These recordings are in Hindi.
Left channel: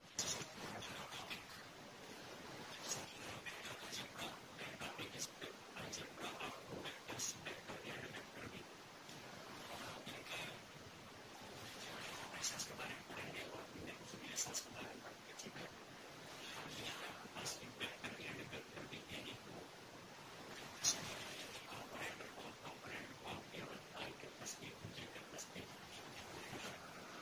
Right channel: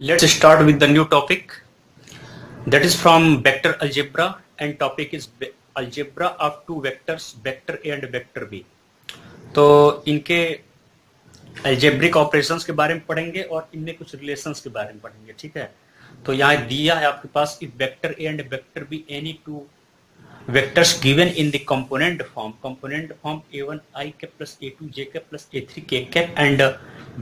Let's start with the new topic that is from vector algebra and topic is algebra of two vectors vector A and vector B। तो इनके algebraic operations के बारे में पढ़ेंगे और इनमें कुछ relations के बारे में पढ़ेंगे। ठीक है, तो यहाँ दिया है आपके पास if vector A and vector B any two vectors given in the component form A1 I cap plus A2 j cap plus A3 k cap and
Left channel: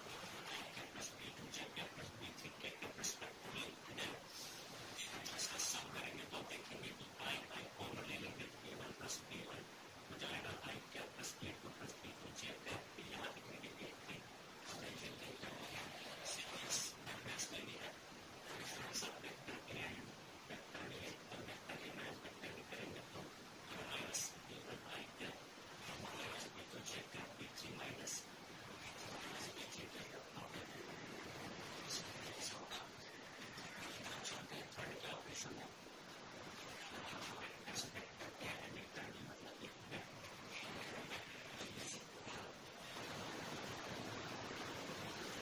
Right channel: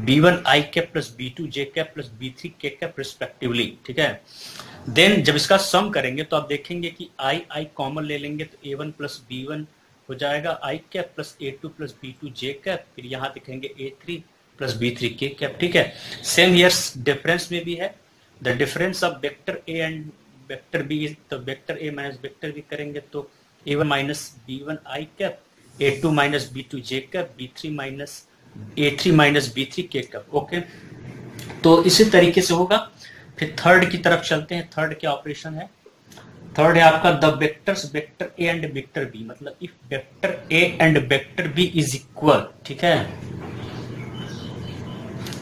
B1 I cap plus B2 j cap plus B3 k cap respectively। ठीक है, देन जब इसका सम करेंगे तो आप देखेंगे कि I कॉमन ले लेंगे तो A1 प्लस B1 हो जाएगा I cap plus A2 plus B2 j cap, फिर यहाँ दिखेंगे A3 plus B3 k cap. ठीक है, सेम हियर डिफरेंस में भी है the difference of vector A and vector B, तो vector A minus vector B करेंगे तो A1 minus B1 I cap, A2 minus B2 j cap, B3 minus A3 minus B3 k cap. Okay, तो इसी तरीके से होगा। फिर थर्ड की तरफ चलते हैं। थर्ड क्या ऑपरेशन है? थर्ड है आपका the vectors vector A and vector B, मतलब if vector A and vector B is equal. ठीक है,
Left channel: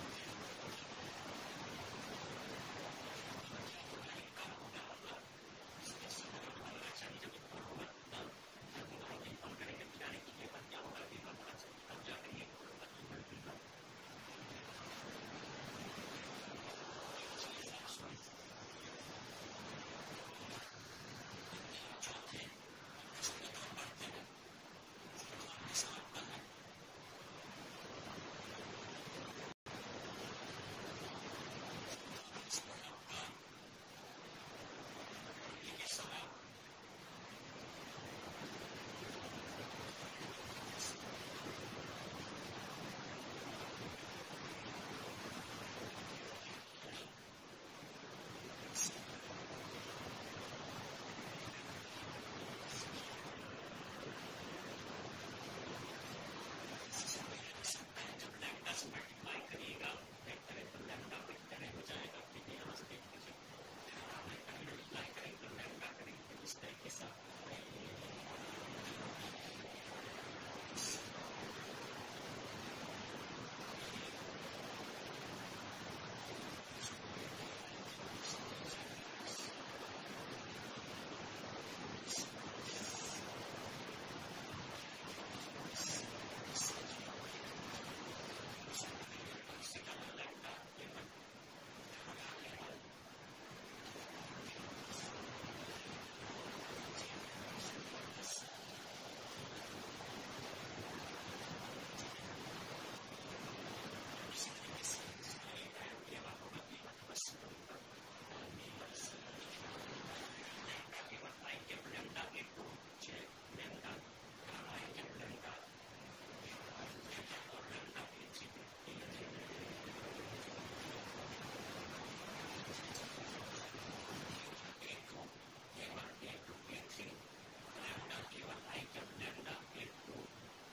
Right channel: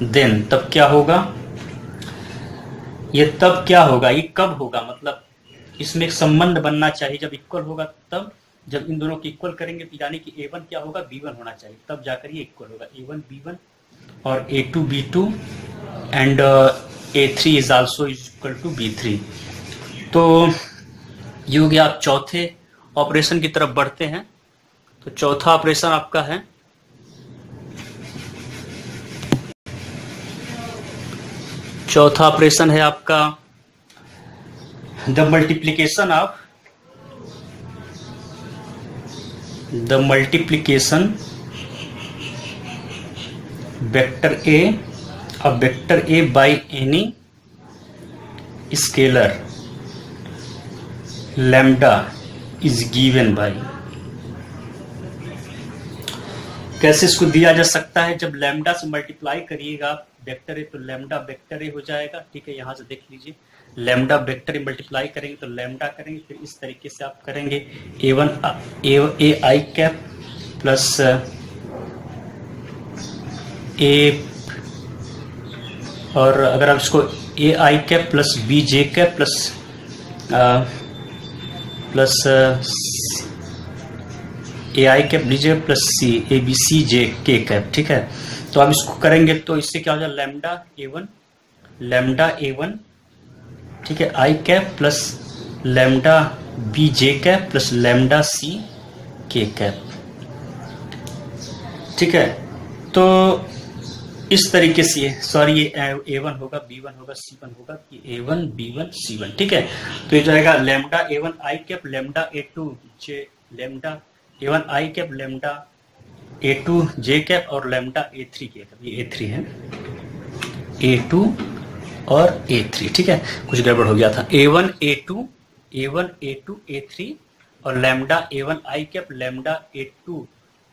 देन तब क्या होगा? ये तब क्या होगा, ये कब होगा, मतलब इसमें एक संबंध बनना चाहिए। जब इक्वल होगा तब, जब इन दोनों को इक्वल करेंगे तो यानी कि A1 क्या होगा, B1 होना चाहिए, तब जाकर ये इक्वल होगा। A1 B1 और A2 B2 and A3 is also equal to B3। तो ये हो गया। आप चौथे ऑपरेशन की तरफ बढ़ते हैं। तो चौथा ऑपरेशन आपका है आपका the multiplication vector A by any scalar lambda is given by। कैसे इसको दिया जा सकता है? जब लैम्डा से मल्टीप्लाई करिएगा वेक्टर ए तो लैम्डा वेक्टर ए हो जाएगा। ठीक है, यहाँ से देख लीजिए, लैम्डा वेक्टर ए मल्टीप्लाई करेंगे तो लैम्डा करेंगे, फिर इस तरीके से आप करेंगे A I cap plus A, और अगर आप इसको A I cap plus B J cap plus A I cap लीजिए plus C A B C J K cap. ठीक है, तो आप इसको करेंगे तो इससे क्या हो जाएगा, लैम्डा ए वन ठीक है I cap plus lambda B J cap plus lambda C K cap. ठीक है, तो इस तरीके से, सॉरी ये A1 होगा, B1 होगा, C1 होगा, A1 B1 C1। ठीक है, तो ये जाएगा lambda A1 I cap lambda A2 J, lambda A1 I cap lambda A2 J cap और लैम्डा A3 कैप। ये A3 है, A2 और A3। ठीक है, कुछ गड़बड़ हो गया था। A1 A2 A3 और lambda A1 I cap lambda A2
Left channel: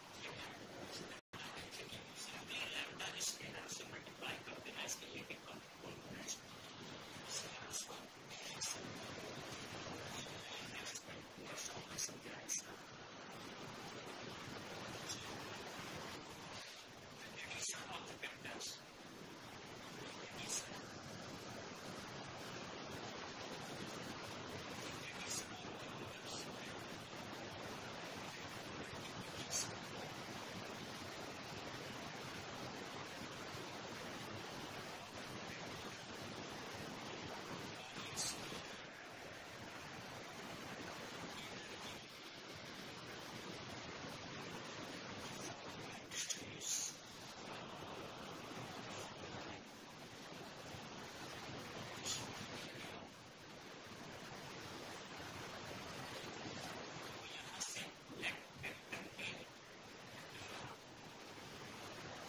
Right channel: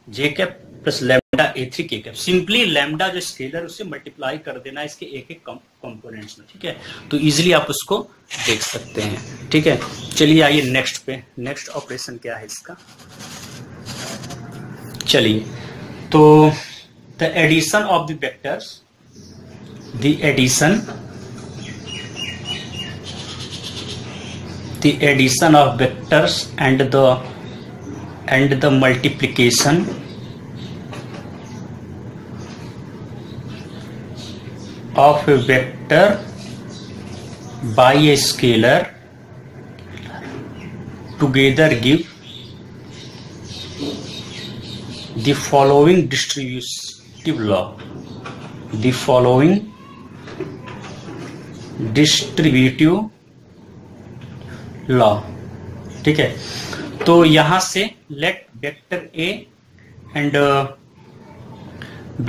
J cap plus lambda A3 के कैप। सिंपली लैम्डा जो स्केलर उससे मल्टीप्लाई कर देना इसके एक एक कंपोनेंट्स में। ठीक है, तो इजीली आप उसको देख सकते हैं। ठीक है, चलिए आइए नेक्स्ट पे। नेक्स्ट ऑपरेशन क्या है इसका? चलिए, तो the addition of the vectors, the addition of vectors and the multiplication of a vector by a scalar together give the following distributive law। The following distributive law। ठीक है, तो यहां से let vector A and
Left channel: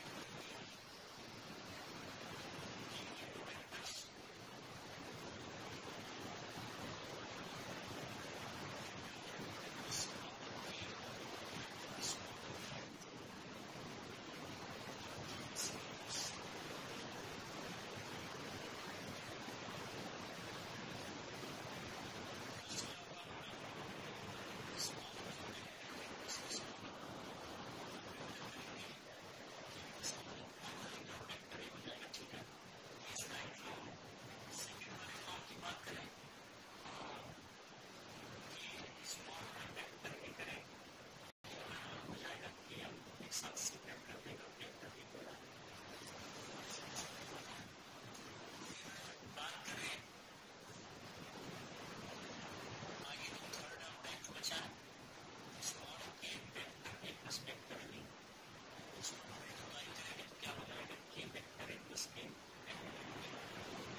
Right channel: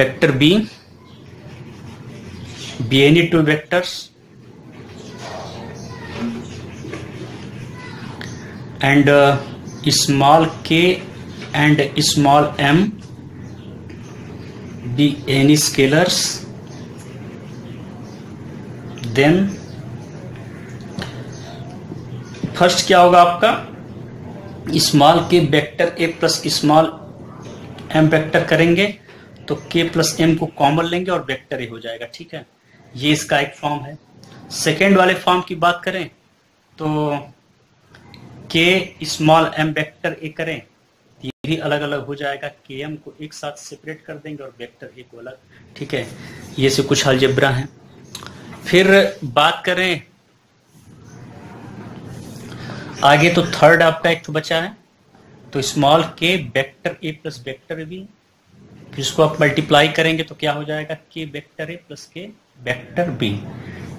vector B be any two vectors and small k and small m be any scalars, then first क्या होगा आपका, small k vector a plus small m vector करेंगे तो के प्लस एम को कॉमन लेंगे और वेक्टर ए हो जाएगा। ठीक है, ये इसका एक फॉर्म है। सेकेंड वाले फॉर्म की बात करें तो के स्मॉल एम वेक्टर ए करें, ये भी अलग अलग हो जाएगा। के एम को एक साथ सेपरेट कर देंगे और वेक्टर ए को अलग, ठीक है। ये से कुछ अलजेब्रा हैं। फिर बात करें आगे, तो थर्ड आपका एक तो बचा है, तो small k vector a plus vector b, फिर इसको आप मल्टीप्लाई करेंगे तो क्या हो जाएगा, के वेक्टर ए प्लस के वेक्टर बी,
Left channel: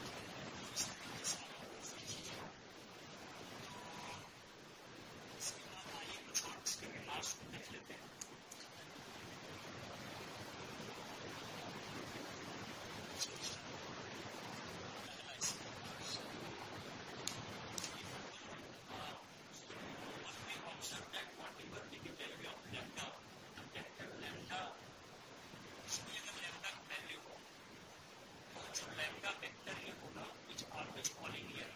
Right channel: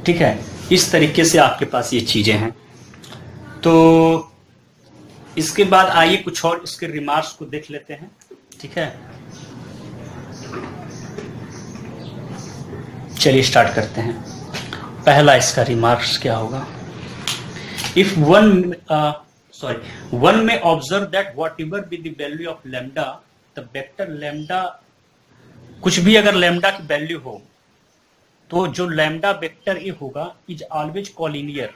ठीक है। इस तरीके से आपके पास ये चीजें हैं। तो इसके बाद आइए कुछ और इसके रिमार्क्स को देख लेते हैं, ठीक है। चलिए स्टार्ट करते हैं। पहला इसका रिमार्क्स क्या होगा, if one may observe that whatever be the value of lambda, the vector lambda, कुछ भी अगर लैम्डा की वैल्यू हो तो जो लैम्डा वेक्टर ए होगा is always collinear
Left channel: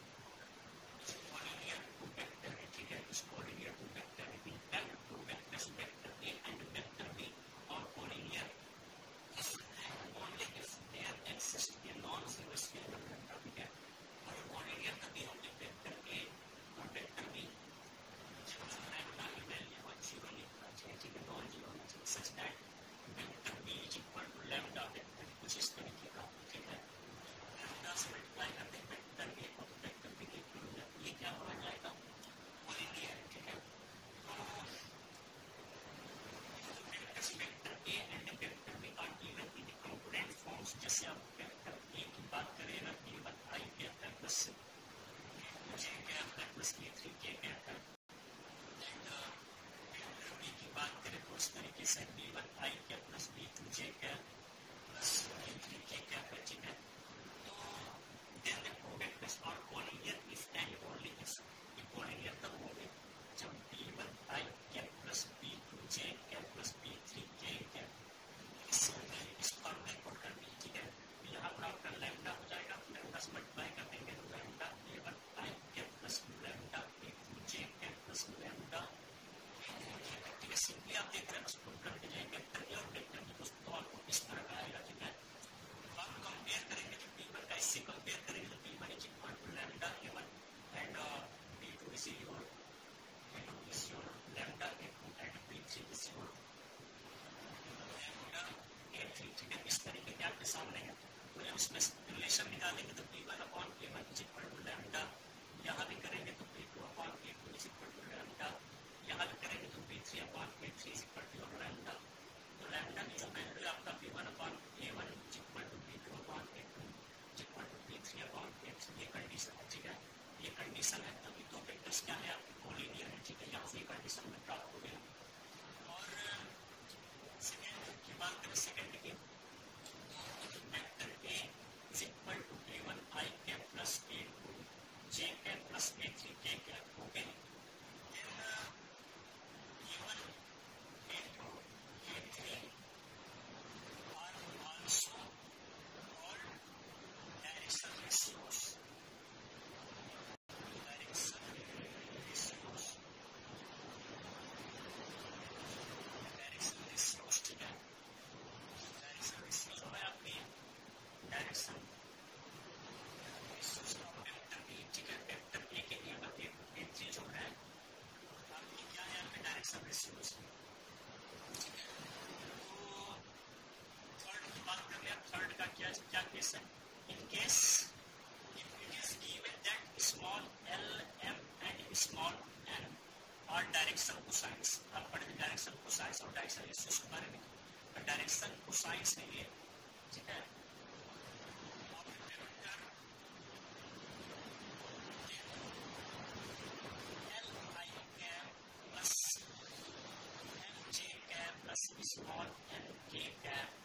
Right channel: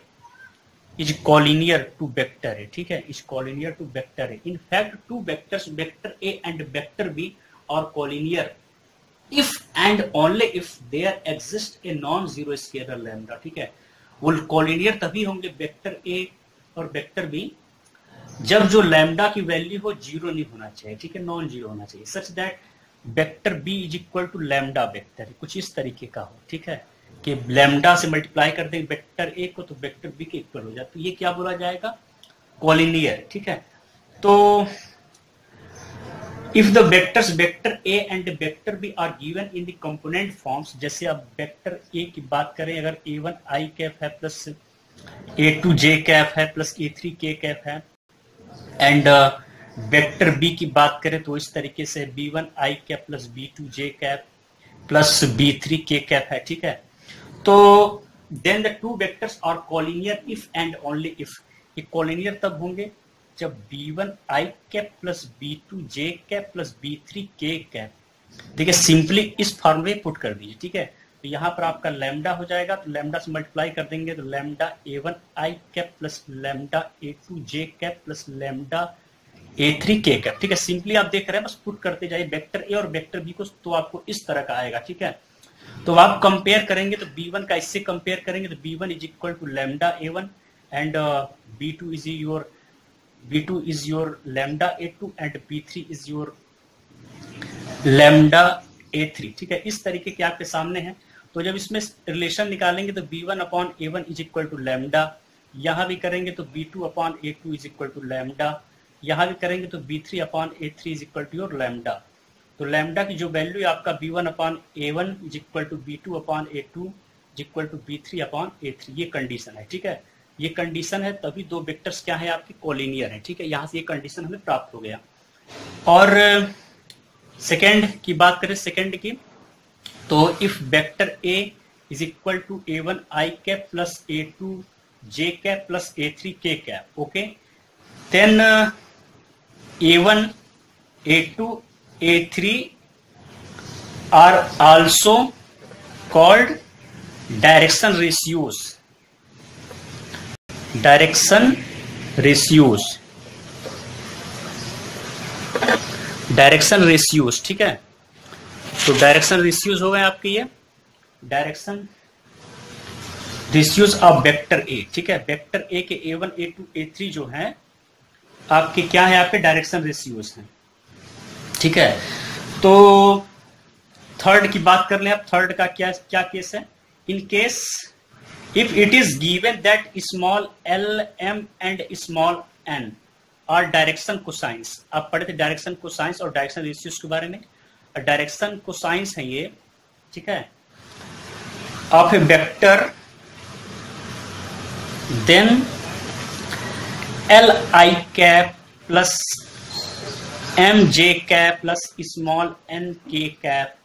to vector a, ठीक है, is collinear to vector a. In fact two vectors vector A and vector b are collinear if and only if there exist a non zero scalar lambda, ठीक है। वो कॉलिनियर तभी होंगे वेक्टर ए और वेक्टर बी जब जो लैम्डा की वैल्यू हो जीरो नहीं होना चाहिए, ठीक है, नॉन जीरो होना चाहिए, such that vector B is equal to lambda vector, कुछ इस तरीके का हो, ठीक है, कि लैम्डा से मल्टीप्लाई कर देंगे वेक्टर ए को तो वेक्टर बी के इक्वल हो जाता है, ये क्या बोला जाएगा, कॉलिनियर, ठीक है। तो if the vectors vector A and vector b are given in the component forms, जैसे अब वेक्टर ए की बात करें, अगर a1 i कैप है प्लस a2 j कैप है प्लस a3 k कैप है, एंड वेक्टर बी की बात करें तो इस तरीके से b1 i cap plus b2 j cap plus b3 k cap है, ठीक है। तो then the two vectors are collinear if and only if, ये कॉलिनियर तब होंगे जब b1 i cap plus b2 j cap plus b3 k cap, देखिए सिंपली इस फॉर्म में पुट कर दीजिए, ठीक है। तो यहाँ पर आपका लैम्डा हो जाएगा, तो लैम्डा से मल्टीप्लाई कर देंगे तो lambda a1 i cap plus lambda a2 j cap plus lambda a3 k cap, ठीक है। सिंपली आप देख रहे हैं, बस पुट करते जाइए वेक्टर ए और वेक्टर बी को, तो आपको इस तरह का आएगा, ठीक है। तो आप कंपेयर करेंगे तो b1 का इससे कंपेयर करेंगे तो b1 is equal to lambda a1 and b2 is your lambda a2 and b3 is your lambda a3, ठीक है। इस तरीके के आपके सामने है। तो जब इसमें रिलेशन निकालेंगे तो b1 upon a1 is equal to lambda, यहाँ भी करेंगे तो b2 upon a2 is equal to lambda, यहाँ भी करेंगे तो b3 upon a3 is equal to your lambda. तो लैम्डा की जो वैल्यू है आपका b1 upon a1 is equal to b2 upon a2 is equal to b3 upon a3, ये कंडीशन है, ठीक है। ये कंडीशन है, तभी दो वेक्टर्स क्या है आपकी कॉलिनियर है, ठीक है। यहाँ से ये कंडीशन हमें प्राप्त हो गया। और सेकेंड की बात करें, सेकेंड की, तो if vector a is equal to a1 i cap plus a2 j cap plus a3 k cap, okay, then a1 a2 a3 are also called direction ratios, direction ratios, ठीक है। तो डायरेक्शन रेशियोज हो गए आपके, ये direction ratios of vector a, ठीक है। वेक्टर ए के a1 a2 a3 जो है आपके क्या है, आपके डायरेक्शन रेशियोज हैं, ठीक है। तो थर्ड की बात कर लें आप, थर्ड का क्या केस है, in case if it is given that small L M and small N और डायरेक्शन कोसाइंस, आप पढ़े थे डायरेक्शन कोसाइंस और डायरेक्शन रेशियोज के बारे में। डायरेक्शन कोसाइंस है ये, ठीक है, of a vector, then L I cap plus M J cap plus small N K cap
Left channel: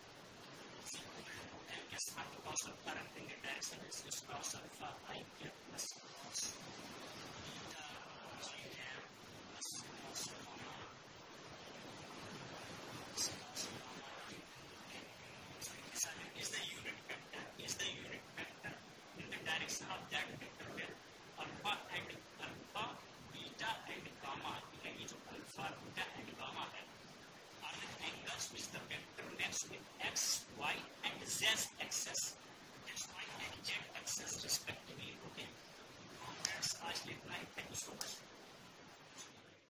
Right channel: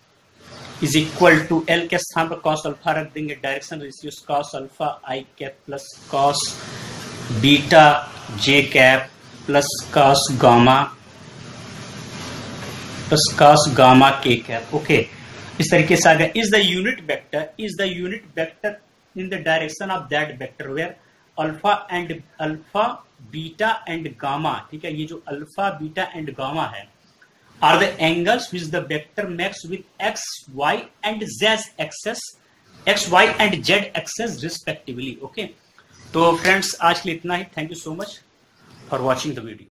is equal to, L के स्थान पर कॉस अल्फा रख देंगे, direction ratios cos alpha I cap plus cos beta J cap plus cos gamma K cap, okay. इस तरीके से आ गया, is the unit vector in the direction of that vector where alpha beta and gamma, ठीक है। ये जो अल्फा बीटा एंड गामा है are the angles which the vector makes with X Y and Z axes X Y and Z axes respectively. Okay, तो फ्रेंड्स आज के लिए इतना ही। Thank you so much for watching the video.